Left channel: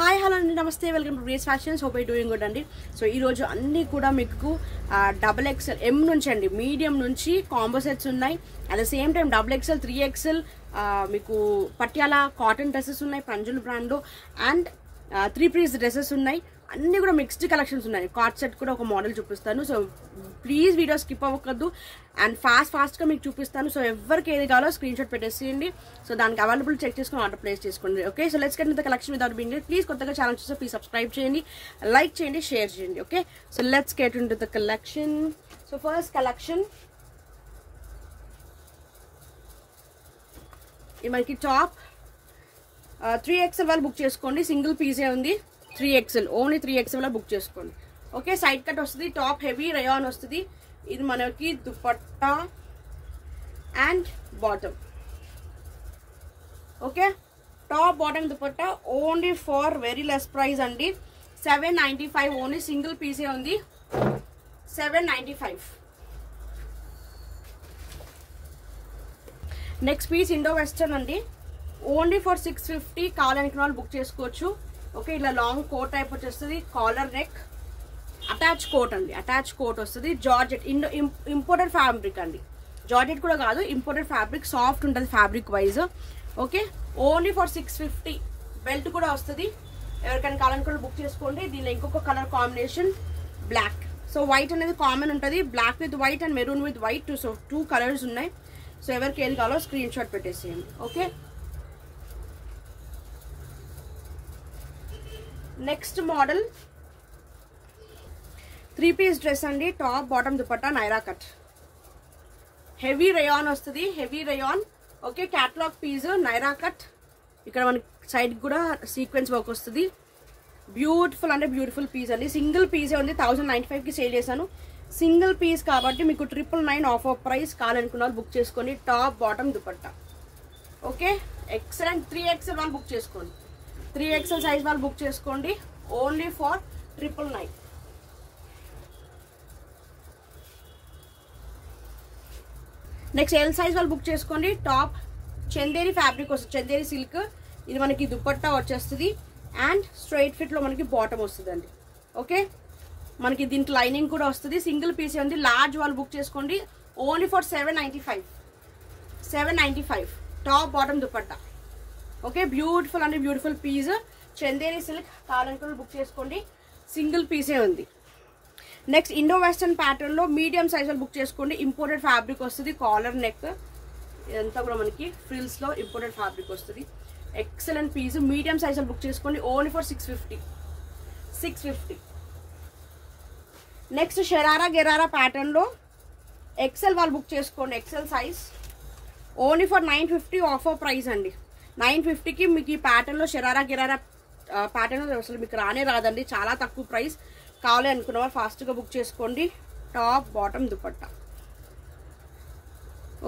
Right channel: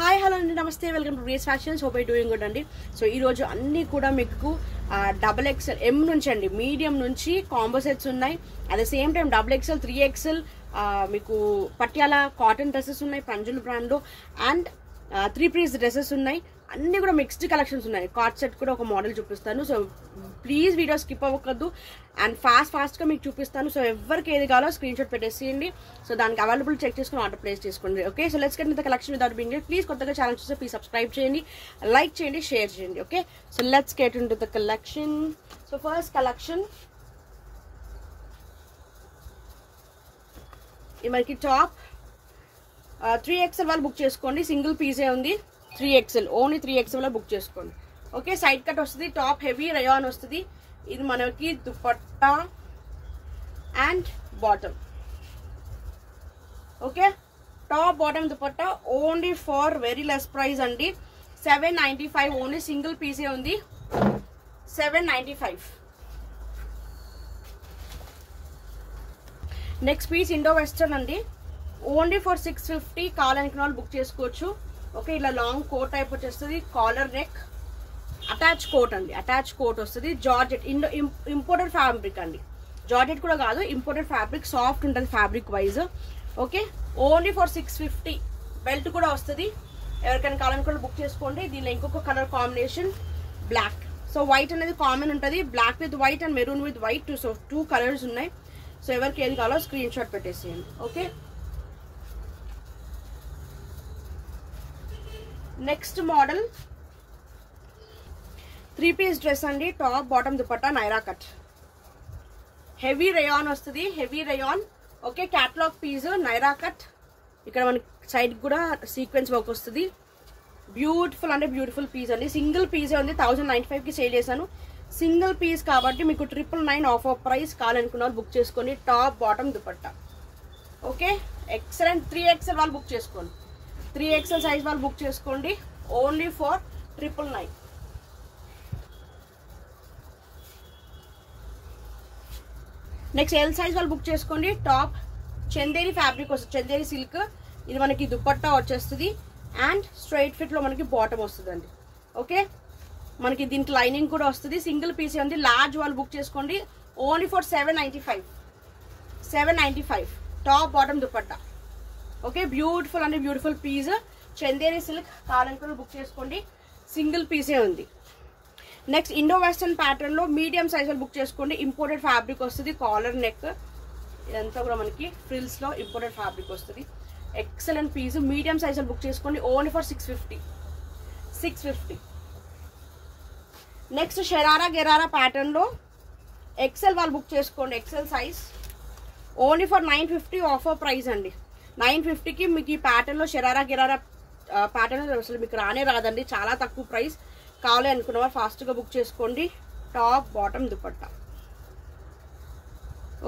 Hi hello అండి, నమస్తే, welcome to grace fashions. Hope I doing good అండి. So ఈరోజు అన్నీ కూడా మీకు XXL ఎం నుంచి అండి, మీడియం నుంచి కాంబో సెట్స్ ఉన్నాయి. At the same time XXL 3XL మీకు పట్యాల కాటన్ డ్రెస్సెస్ ఉన్నాయి పంజుల్ బ్రాండ్ అండ్ 3 పీస్ డ్రెస్సెస్ ఉన్నాయి. అన్ని కూడా మిక్స్డ్ కలెక్షన్స్ ఉన్నాయి. కార్డ్ సెట్ కూడా ఒక మోడల్ చూపిస్తాను. సో ప్లీజ్ వీడియో స్కిప్ అవ్వకద్దు అండ్ ఫాస్ట్గా మీకు చూపిస్తాను. సో ఎవరికి ఏది కావాలో స్క్రీన్ షాట్ పెట్టేసేయండి. సో దానికి అవైలబుల్ చెక్ చేసుకుని ఆర్డర్ ప్లేస్ చేసుకోండి. Okay, so let's get in the collection without being late. Please కొత్తగా ఛానల్ చూస్తే ప్లీజ్ సబ్స్క్రైబ్ చేయండి, లైక్ చేయండి, షేర్ చేయండి. Okay, so let's get in to the collection. So first collection ఇది మనకి top 3XL వాళ్ళు book చేసుకోండి. సింగిల్ పీసే ఉంది. 3XL ఓన్లీ 3XL బుక్ చేసుకోండి. ఓకే, సైడ్ కట్ వస్తుంది. టాప్ హెవీ రయాన్ వస్తుంది. ఇది మనకి dupatta and bottom. Okay, top bottom dupatta only for very less price అండి. 795 ఓన్లీ సింగిల్ పీసే ఉంది. 795. నెక్స్ట్ పీస్ ఇండో వెస్టర్న్ అండి. Only for 650. కావాలనుకున్న వాళ్ళు బుక్ చేసుకోవచ్చు. ఓకే, ఇలా లాంగ్ కోట్ టైప్ వచ్చేస్తుంది. కాలర్ నెక్, అటాచ్ కోట్ అండి. అటాచ్ కోట్ వస్తుంది. జార్జెట్ ఇంపోర్టెడ్ ఫ్యాబ్రిక్ అండి. జార్జెట్ కూడా కాదు, ఇంపోర్టెడ్ ఫ్యాబ్రిక్. సాఫ్ట్ ఉంటుంది fabric wise. Okay, only for 650. Belt కూడా వస్తుంది. ఎవరికైనా కావాలనుకున్న బుక్ చేసుకోండి. దీనిలో ఇంకొక colour combination black. So white అనేది కామన్ ఉంటుంది. Black with white and maroon with white. So 2 colours ఉన్నాయి. సో ఎవరికి ఏది కావాలో స్క్రీన్ షాట్ పెట్టేసేయండి. Okay, next model 3 piece dress అండి. Top bottom dupatta Naira cut. Heavy rayon వస్తుంది. Heavy rayon. Okay, catalogue piece Naira cut. ఇక్కడ మనకి సైడ్ కూడా సీక్వెన్స్ వర్క్ వస్తుంది. బ్యూటిఫుల్ అంటే బ్యూటిఫుల్ పీస్ అండి. సింగిల్ పీసే ఉంది. 1095కి సేల్ చేశాను. సింగిల్ పీస్ కాబట్టి మీకు 999 ఆఫర్ ప్రైస్. కావాలనుకున్న వాళ్ళు బుక్ చేసుకోండి. Top bottom dupatta. Okay, excellent. 3XL వాళ్ళు బుక్ చేసుకోండి. 3XL సైజ్ వాళ్ళు బుక్ చేసుకోండి. Only for 999. Next L size వాళ్ళు బుక్ చేసుకోండి. టాప్ చందేరి ఫ్యాబ్రిక్ వస్తుంది. చందేరి సిల్క్. ఇది మనకి దుపట్టా వచ్చేస్తుంది అండ్ స్ట్రైట్ ఫిట్ లో మనకి బాటమ్ వస్తుంది అండి. ఓకే, మనకి దీంట్లో లైనింగ్ కూడా వస్తుంది. సింగిల్ పీస్ ఉంది. లార్జ్ వాళ్ళు బుక్ చేసుకోండి. Only for 795. 795 top bottom dupatta. Okay, beautiful అంటే బ్యూటిఫుల్ పీస్. చందేరి సిల్క్. కావాలనుకున్న బుక్ చేసుకోండి. సింగిల్ పీసే ఉంది. నెక్స్ట్ ఇండో వెస్టర్న్ ప్యాటర్న్ లో మీడియం సైజ్ వాళ్ళు బుక్ చేసుకోండి. ఇంపోర్టెడ్ ఫ్యాబ్రిక్ వస్తుంది. Collar neck. ఇదంతా కూడా మనకి ఫ్రిల్స్ లో ఇంపోర్టెడ్ ఫ్యాబ్రిక్ వస్తుంది. Excellent piece. మీడియం సైజ్ వాళ్ళు బుక్ చేసుకోండి. Only for 650. 650. Next sharara gharara pattern లో XL వాళ్ళు బుక్ చేసుకోండి. XL size only for 950 offer price అండి. 950కి మీకు ఈ ప్యాటర్న్ లో షరారా గెరారా ప్యాటర్న్ అసలు మీకు రానే రాదండి. చాలా తక్కువ ప్రైస్. కావాలి అనుకున్న వాళ్ళు ఫాస్ట్ గా బుక్ చేసుకోండి. Top bottom dupatta.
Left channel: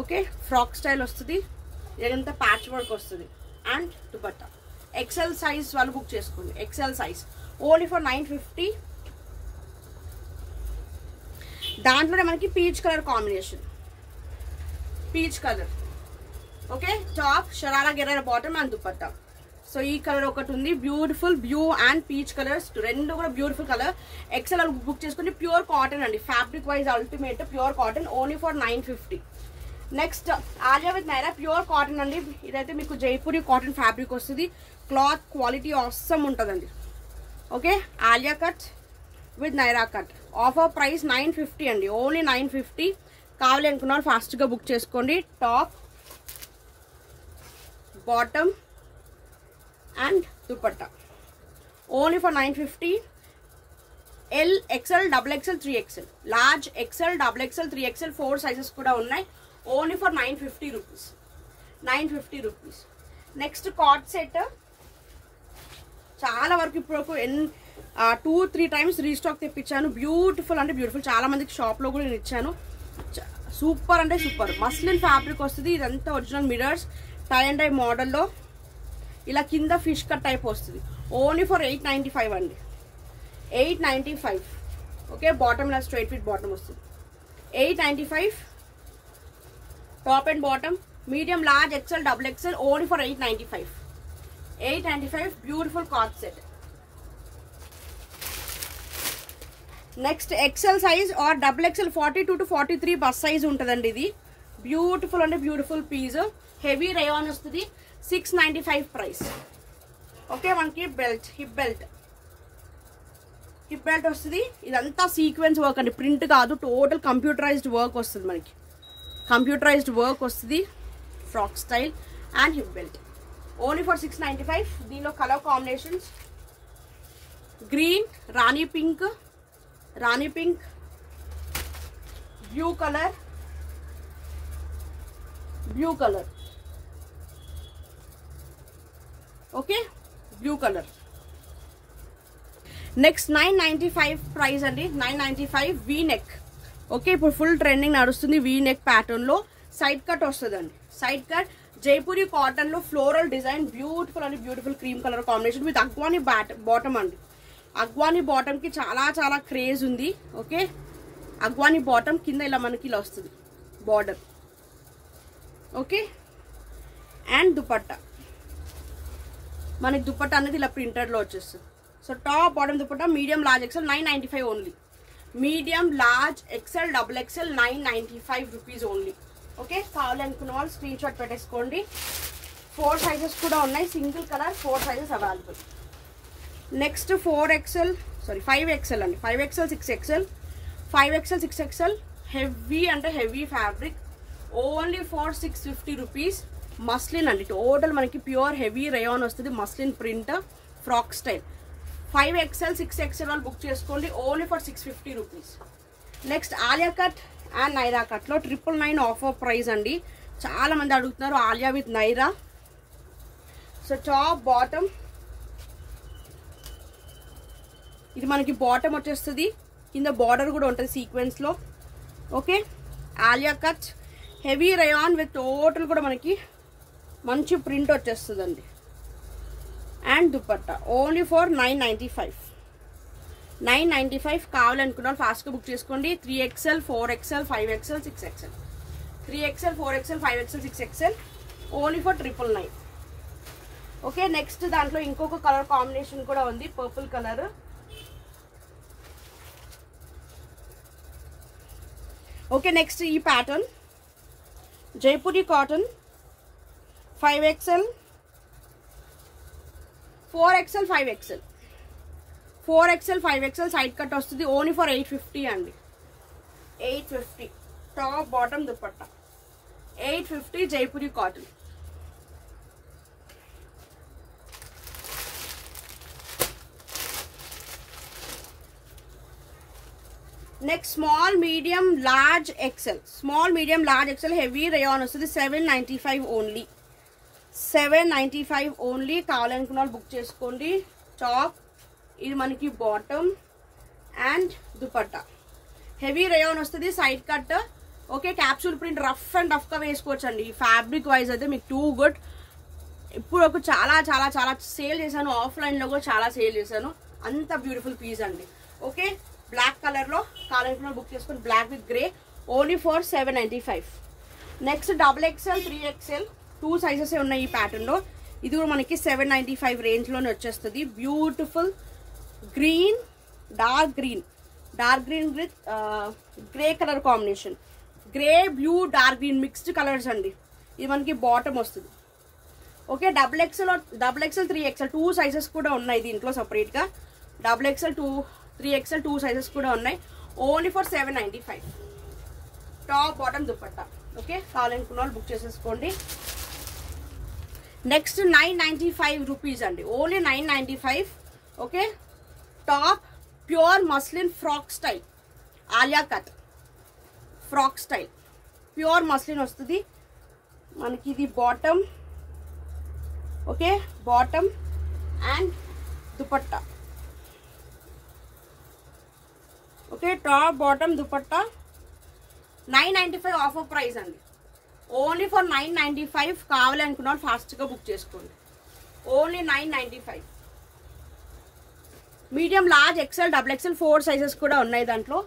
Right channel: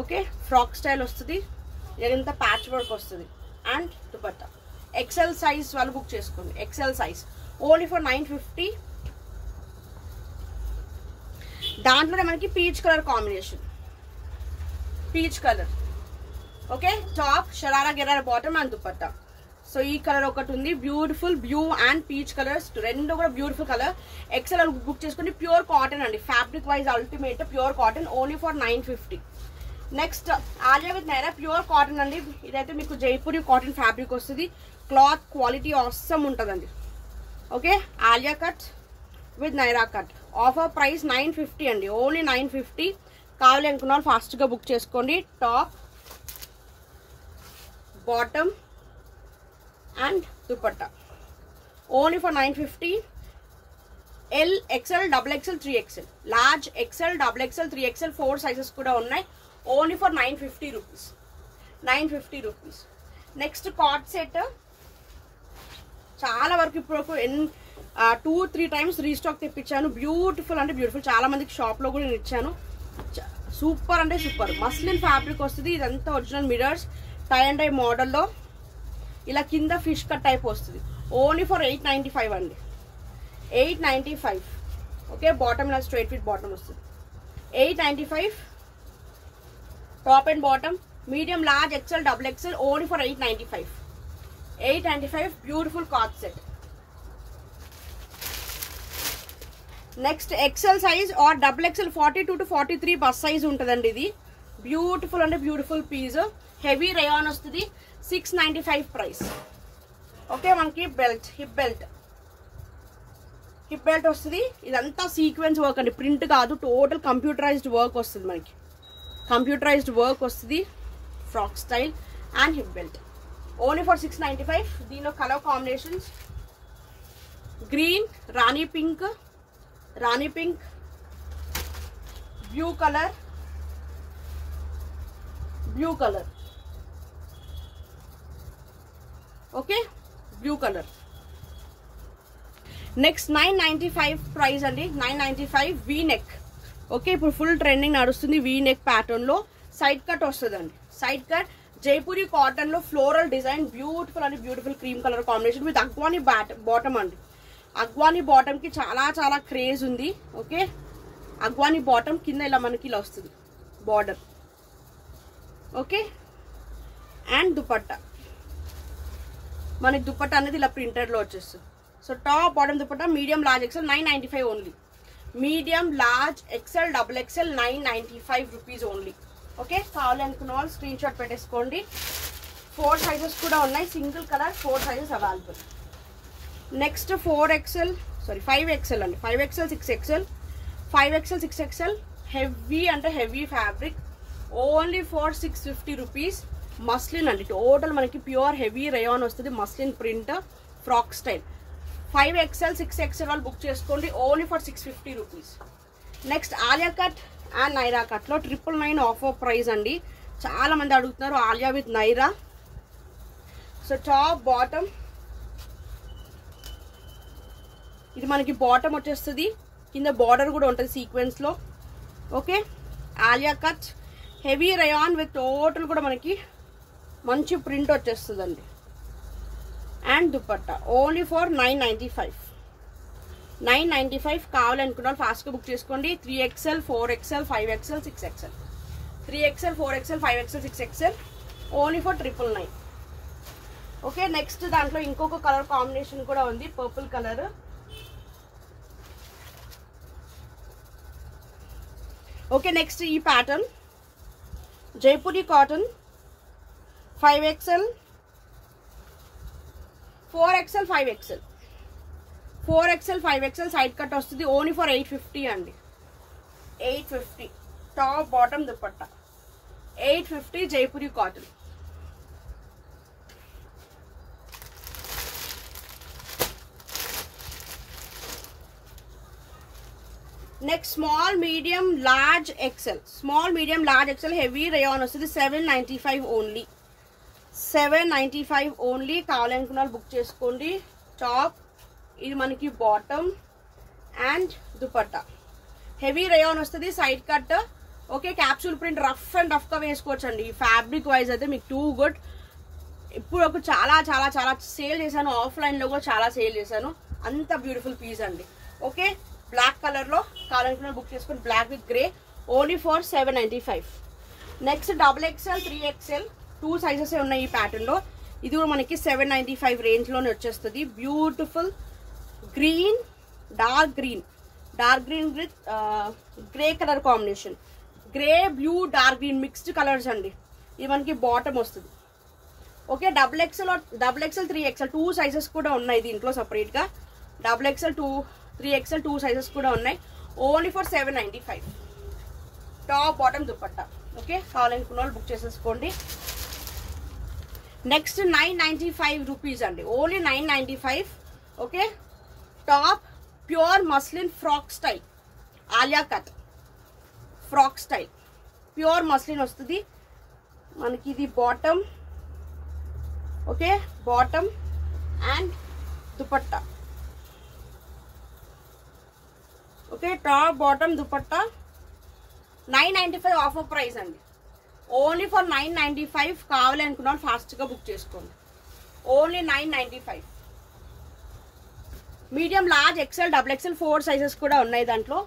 Okay, frock style వస్తుంది. ఇదంతా ప్యాచ్ వర్క్ వస్తుంది అండ్ దుపట్టా. XL సైజ్ వాళ్ళు బుక్ చేసుకోండి. XL size only for 950. దాంట్లోనే మనకి peach colour combination. Peach colour. Okay, top sharara gharara bottom and dupatta. So ఈ కలర్ ఒకటి ఉంది. Beautiful blue and peach colours రెండు కూడా బ్యూటిఫుల్ కలర్. XL బుక్ చేసుకోండి. ప్యూర్ కాటన్ అండి. Fabric wise ultimate pure cotton. Only for 950. Next Alia with Naira pure cotton అండి. ఇదైతే మీకు జైపూరి కాటన్ ఫ్యాబ్రిక్ వస్తుంది. క్లాత్ క్వాలిటీ ఆసమ్ ఉంటుందండి. Okay, Alia cut with Naira cut. Offer price 950 అండి. ఓన్లీ 950. కావాలి అనుకున్న వాళ్ళు ఫాస్ట్ గా బుక్ చేసుకోండి. Top bottom and dupatta only for 950. L, XL, XXL, 3XL. Large XL, XXL, 3XL 4 sizes కూడా ఉన్నాయి. Only for 950 rupees. 950 rupees. Next card set. చాలా వరకు ఇప్పుడు 2-3 టైమ్స్ రీస్టాక్ తెప్పించాను. బ్యూటిఫుల్ అంటే బ్యూటిఫుల్. చాలా మందికి షాప్ లో కూడా నేను ఇచ్చాను. సూపర్ అంటే సూపర్. మస్లిన్ ఫ్యాబ్రిక్ వస్తుంది. ఇదంతా original mirrors. Tie and dye మోడల్లో ఇలా కింద ఫిష్ కట్ టైప్ వస్తుంది. ఓన్లీ ఫర్ 895 అండి. 895. ఓకే, బాటమ్ ఇలా స్ట్రైట్ ఫిట్ బాటమ్ వస్తుంది. 895 top and bottom. Medium, large, XL, double XL, only for 895. 895, beautiful cord set. Next XL size or double XL 42 to 43 bust size ఉంటుందండి. ఇది beautiful అంటే beautiful piece, heavy rayon వస్తుంది. 695 price. Okay, మనకి belt, hip belt వస్తుంది. ఇదంతా sequence work అండి, print కాదు, total computerised work వస్తుంది. మనకి కంప్యూటరైజ్డ్ వర్క్ వస్తుంది. Frock style and hip belt only for 695. దీనిలో colour combinations green, rani pink, blue colour, okay, blue colour. Next 995 price అండి. 995 వీ నెక్. ఓకే, ఇప్పుడు ఫుల్ ట్రెండింగ్ నడుస్తుంది V neck pattern లో. Side cut వస్తుందండి. Side cut Jaipuri cotton లో floral design, beautiful అండి, beautiful cream colour combination with Afghani bottom అండి. Afghani bottom కి చాలా చాలా క్రేజ్ ఉంది. ఓకే, అగ్వాని బాటమ్ కింద ఇలా మనకి ఇలా వస్తుంది బార్డర్. ఓకే, అండ్ దుపట్టా, మనకి దుపట్టా అనేది ఇలా ప్రింటెడ్ లో వచ్చేస్తుంది. So top bottom dupatta medium large XL 995 only. Medium large XL double XL 995 rupees only. Okay, కావాలనుకున్న వాళ్ళు స్క్రీన్ షాట్ పెట్టేసుకోండి. 4 సైజెస్ కూడా ఉన్నాయి, single colour 4 sizes available. Next 5XL అండి. 5XL 6XL 5XL 6XL heavy అంటే heavy fabric only for 650 rupees. Muslin అండి, total మనకి pure heavy rayon వస్తుంది. Muslin print frock style. 5XL 6XL వాళ్ళు బుక్ చేసుకోండి only for 650 rupees. Next Alia cut and Naira cut లో 999 offer price అండి. చాలా మంది అడుగుతున్నారు Alia with Naira. So top bottom ఇది మనకి బాటమ్ వచ్చేస్తుంది, కింద బార్డర్ కూడా ఉంటుంది సీక్వెన్స్ లో. Okay, Alia cut heavy rayon with total కూడా మనకి మంచి ప్రింట్ వచ్చేస్తుందండి. అండ్ దుపట్టా ఓన్లీ ఫర్ 995 కావాలనుకున్నారు ఫాస్ట్ గా బుక్ చేసుకోండి. 3XL 4XL 5XL 6XL 3XL 4XL 5XL 6XL only for 999. Okay, next దాంట్లో ఇంకొక కలర్ కాంబినేషన్ కూడా ఉంది, పర్పుల్ కలర్. ఓకే, నెక్స్ట్ ఈ pattern Jaipuri cotton 5XL 4XL 5XL side cut వస్తుంది ఓన్లీ ఫర్ 850 అండి. 850 top bottom dupatta 850 Jaipuri cotton. Next small medium large XL heavy rayon వస్తుంది 795 only. 795 only. కావాలనుకున్న వాళ్ళు బుక్ చేసుకోండి. టాప్ ఇది మనకి bottom and dupatta heavy rayon వస్తుంది, side cut. Okay, capsule print rough and rough గా వేసుకోవచ్చు అండి. ఫ్యాబ్రిక్ వైజ్ అయితే మీకు టూ గుడ్. ఇప్పుడు ఒక చాలా చాలా చాలా సేల్ చేశాను, ఆఫ్లైన్ లో కూడా చాలా సేల్ చేశాను. అంత బ్యూటిఫుల్ పీస్ అండి. ఓకే, బ్లాక్ కలర్ లో కావాలనుకున్న బుక్ చేసుకుని, black with grey only for 795. Next XXL 3XL 2 sizes ఉన్నాయి ఈ ప్యాటర్న్ లో. ఇది కూడా మనకి 795 రేంజ్ లోనే వచ్చేస్తుంది. Beautiful green, dark green with grey colour combination. Grey, blue, dark green mixed colours అండి. ఇది మనకి బాటమ్ వస్తుంది. ఓకే, XXL 3XL 2 సైజెస్ కూడా ఉన్నాయి దీంట్లో సపరేట్ గా. XXL 3XL 2 సైజెస్ కూడా ఉన్నాయి only for 795. Top bottom dupatta. Okay, కావాలనుకున్న వాళ్ళు బుక్ చేసేసుకోండి. నెక్స్ట్ 995 రూపీస్ అండి, only 995. Okay, top pure muslin frock style Alia cut frock style pure muslin వస్తుంది మనకి. ఇది bottom. Okay, bottom and dupatta. Okay, top bottom dupatta 995 offer price అండి. Only for 995. కావాలనుకున్న వాళ్ళు ఫాస్ట్ గా బుక్ చేసుకోండి. Only 995. Medium large XL XXL 4 sizes కూడా ఉన్నాయి దాంట్లో.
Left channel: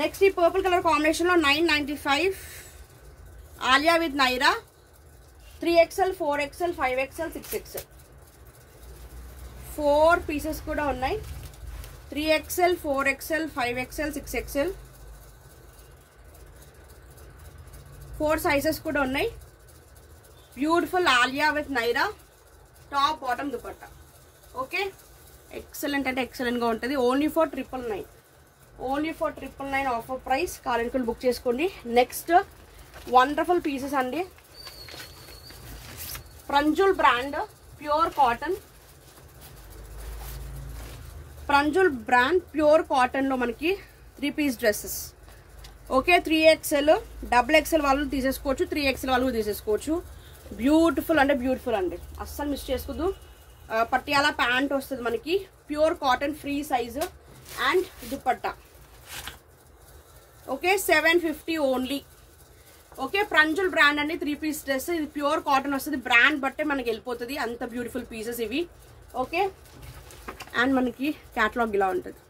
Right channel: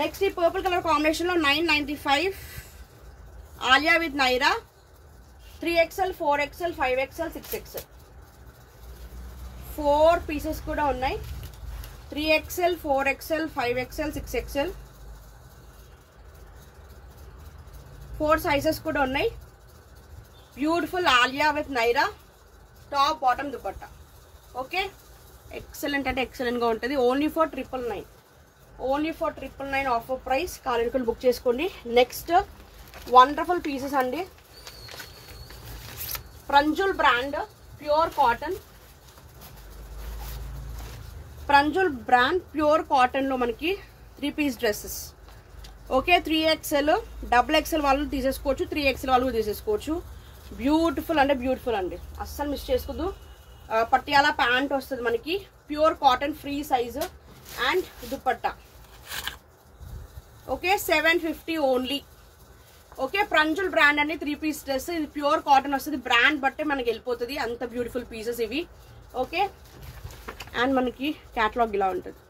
నెక్స్ట్ ఈ పర్పుల్ కలర్ కాంబినేషన్ లో 995 Alia with Naira 3XL 4XL 5XL 6XL 4 pieces కూడా ఉన్నాయి. 3XL, 4XL, 5XL, 6XL 4 sizes కూడా ఉన్నాయి. Beautiful Alia with Naira top bottom dupatta. Okay, excellent అంటే ఎక్సలెంట్ గా ఉంటుంది. Only for 999, only for 999 offer price. కావాలనుకుని బుక్ చేసుకోండి. నెక్స్ట్ వండర్ఫుల్ పీసెస్ అండి. Pranjul brand pure cotton, Pranjul brand pure cotton లో మనకి 3 piece dresses. Okay, 3XL, XXL వాళ్ళు తీసేసుకోవచ్చు, 3XL వాళ్ళు తీసేసుకోవచ్చు. బ్యూటిఫుల్ అంటే బ్యూటిఫుల్ అండి, అస్సలు మిస్ చేసుకోదు. పటియాలా ప్యాంట్ వస్తుంది మనకి, pure cotton free size and dupatta. Okay, 750 only. Okay, Pranjul brand అండి, 3 పీస్ డ్రెస్. ఇది ప్యూర్ కాటన్ వస్తుంది, బ్రాండ్ బట్టే మనకి వెళ్ళిపోతుంది. అంత బ్యూటిఫుల్ పీసెస్ ఇవి. ఓకే, అండ్ మనకి క్యాటలాగ్ ఇలా ఉంటుంది.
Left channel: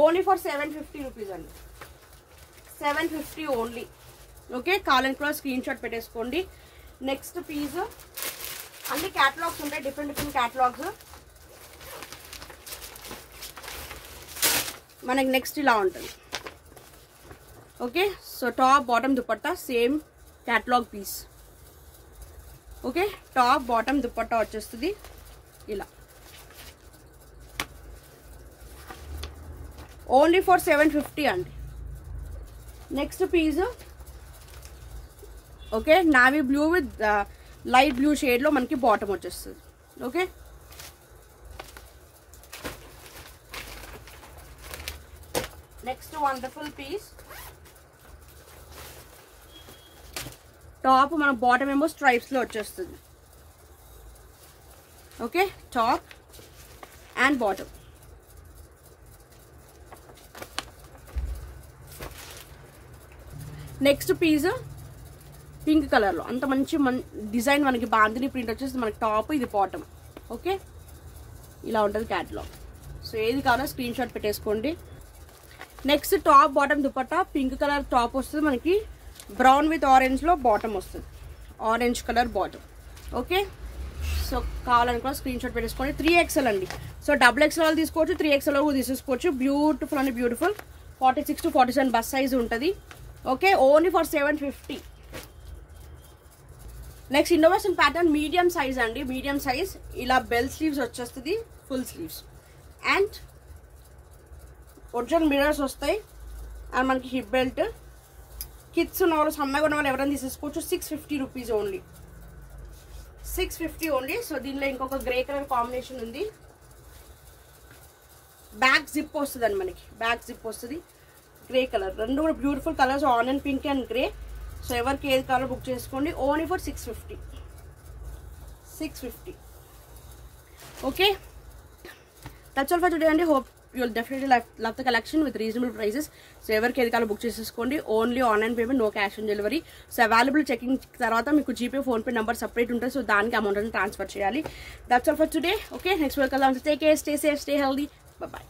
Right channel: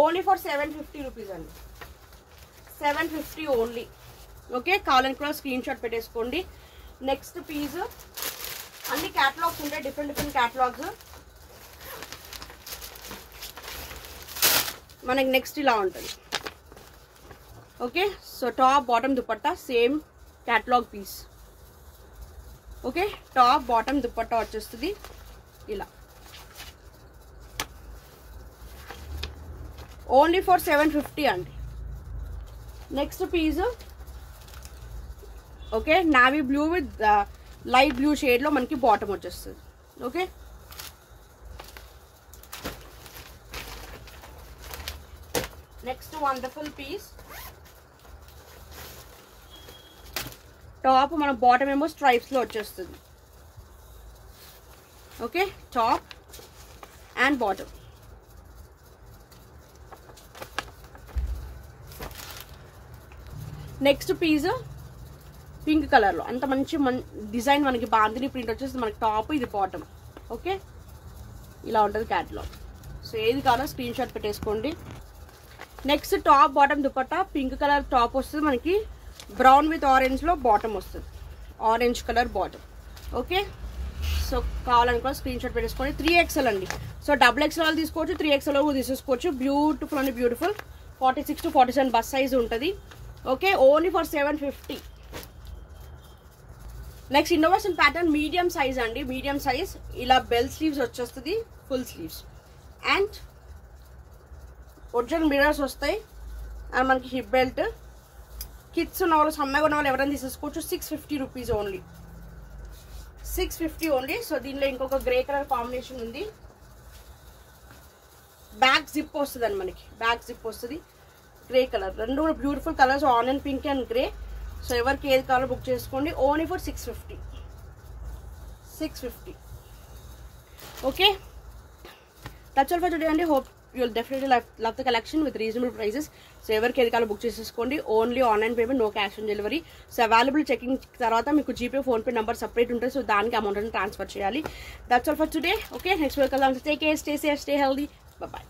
ఓన్లీ ఫర్ 750 రూపీస్ అండి, 750 ఓన్లీ. ఓకే, కావాలని కూడా స్క్రీన్ షాట్ పెట్టేసుకోండి. నెక్స్ట్ పీస్ అన్ని క్యాటలాగ్స్ ఉంటాయి, డిఫరెంట్ క్యాటలాగ్స్. మనకి నెక్స్ట్ ఇలా ఉంటుంది. Okay, so top bottom dupatta same catalogue piece. Okay, top bottom dupatta వచ్చేస్తుంది ఇలా. ఓన్లీ ఫర్ 750 అండి. Next piece okay, navy blue with light blue shade లో మనకి బాటమ్ వచ్చేస్తుంది. Okay, next wonderful piece. Top మన బాటమ్ ఏమో స్ట్రైప్స్ లో వచ్చేస్తుంది. Okay, top and bottom. Next piece pink colour లో అంత మంచి డిజైన్ మనకి బాందిని ప్రింట్ వచ్చేసి మనకి టాప్, ఇది బాటమ్. ఓకే, ఇలా ఉంటుంది క్యాటలాగ్. సో ఏది కావాలో స్క్రీన్ షాట్ పెట్టేసుకోండి. Next top bottom dupatta pink colour top వస్తుంది మనకి, బ్రౌన్ విత్ ఆరెంజ్ లో బాటమ్ వస్తుంది, orange colour bottom. Okay, so కావాలని కూడా స్క్రీన్ షాట్ పెట్టేసుకోండి. 3XL అండి. సో XXL తీసుకోవచ్చు, 3XL తీసేసుకోవచ్చు. బ్యూటిఫుల్ అండి బ్యూటిఫుల్. 46 to 47 బస్ సైజ్ ఉంటుంది. Okay, only for 750. Next innovation pattern medium size అండి, మీడియం సైజ్. ఇలా బెల్ స్లీవ్స్ వచ్చేస్తుంది, full sleeves and original mirrors వస్తాయి. అండ్ మనకి హిప్ బెల్ట్. కిడ్స్ ఉన్న వాళ్ళు, సన్నగా ఉన్న వాళ్ళు ఎవరైనా తీసేసుకోవచ్చు. 650 రూపీస్ ఓన్లీ, 650 ఓన్లీ. సో దీనిలో ఇంకొక గ్రే కలర్ కాంబినేషన్ ఉంది. బ్యాక్ జిప్ వస్తుంది అండి మనకి, బ్యాక్ జిప్ వస్తుంది. గ్రే కలర్, రెండు కూడా beautiful colours, onion pink and grey. So ఎవరికి ఏది కావాలో బుక్ చేసుకోండి. Only for 650, 650. Okay, that's all for today అండి. Hope you will definitely love the collection with reasonable prices. So ఎవరికి ఏది కావాలో బుక్ చేసేసుకోండి. Only online payment, no cash on delivery. So available checking తర్వాత మీకు జీపే, ఫోన్పే నెంబర్ సపరేట్ ఉంటుంది. So దానికి amount transfer చేయాలి. That's all for today. Okay, next week కలుద్దాం. Take care, stay safe, stay healthy. Bye by.